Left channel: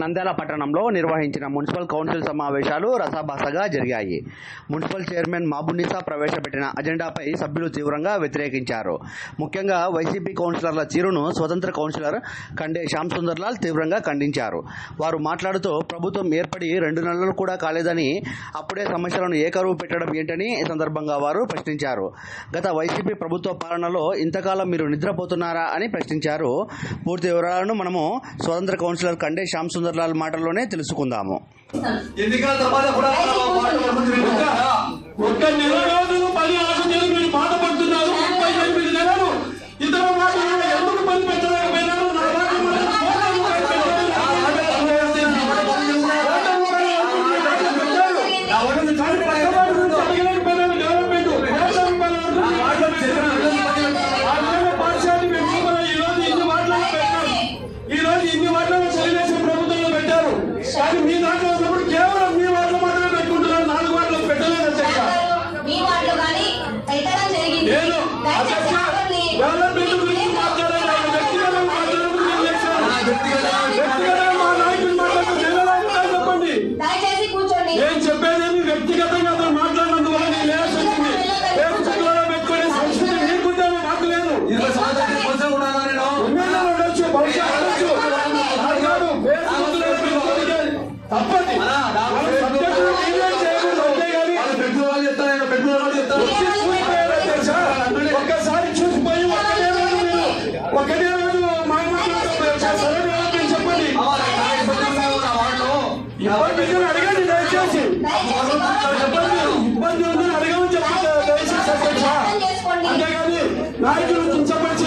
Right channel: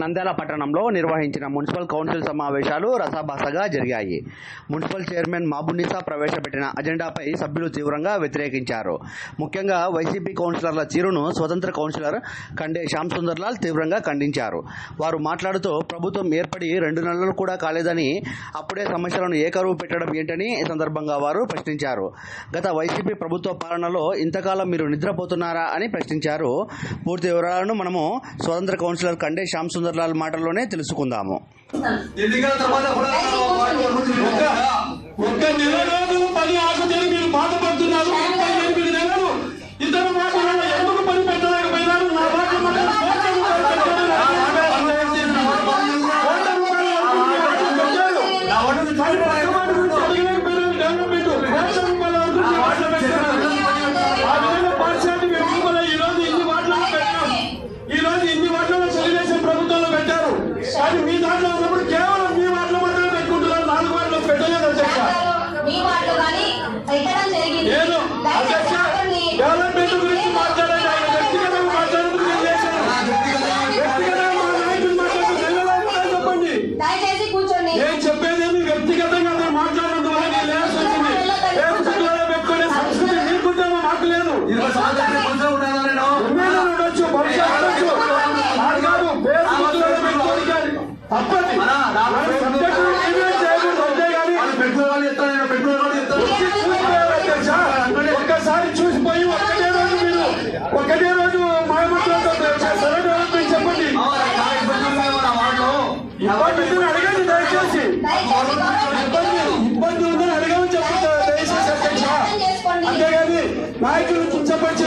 నంద్యాల పట్టణంలో నిర్వహించిన municipal council సమావేశాలు రసాభాసగా జరిగాయి. మున్సిపల్ చైర్మన్ మహబూబున్నిసా ప్రవేశపెట్టిన అజెండాపై సభ్యులు తీవ్రంగా వ్యతిరేకించారు. ముఖ్యంగా వైసీపీ కౌన్సిలర్ల తీరును స్వతంత్ర కౌన్సిలర్ కండే శ్యామ్ సుందర్ లాల్ తీవ్రంగా ఖండించారు. వారు మాట్లాడుతూ ప్రభుత్వం ఏర్పడి 2 నెలలు కూడా కాలేదని, అప్పుడే సమస్యలను ఏకరువు పెట్టడం ఏంటని ఈ సందర్భంగా వారు ప్రశ్నించారు. గత వైసీపీ ప్రభుత్వ పాలనలో ఇంతకాలం మీరు నిద్రపోతున్నారా అని ప్రశ్నించారు. పూర్తి వివరాలను మనము స్వతంత్ర కౌన్సిలర్ కండే శ్యామ్ సుందర్ లాల్ మాటల్లోనే తెలుసుకుందాము. ఎన్నికల తర్వాత కూడా ఒక్క నెల రోజులు పని ఆశలు మీరు బాధపడుతున్నారు. 38 నెలలు ఇతర మాటలలో ఎందుకు పని పెట్టలేకపోయినారు? నా పాఠశాల ఈరోజు ఇన్ని మాటలు పెట్టాం. ఈరోజు ఇన్ని మాటలు తెలుగుదేశం ప్రభుత్వాలు పెట్టారు. కానీ మీ దాంట్లో ఉన్నప్పుడు కేవలం మీ మాటలు మాత్రమే పెట్టుకుంటున్నారు. 4 మాటలు పెట్టలేదు అధ్యక్ష. నేను డెవలప్మెంట్ గురించి మాట్లాడాలి. వ్యక్తిగతంగా మాట్లాడేందుకు నేను చేశాను. వ్యక్తిగతంగా మా నాయకులు మాట్లాడుతూ చెప్పండి. నేను చెప్పేది వ్యక్తిగతంగా అతను మాట్లాడినందువల్ల నేను లేస్తుంది. ఫేస్బుక్లలో పెట్టుకునే సంస్కృతి నీకుంటే మాకు లేదు. ఉండొచ్చు, భవిష్యత్తు ఉండొచ్చు. తప్పది. ఒక్కసారి చూసిపోయి ఒకటే రోజు మాయమంత్రంతో చెప్పండి. ఇబ్బంది అడగండి దయచేసి. ఇబ్బంది ఉందని అడగమని చెప్పండి దయచేసి అధ్యక్ష. అంతేగాని నాయకులు కించపరిచి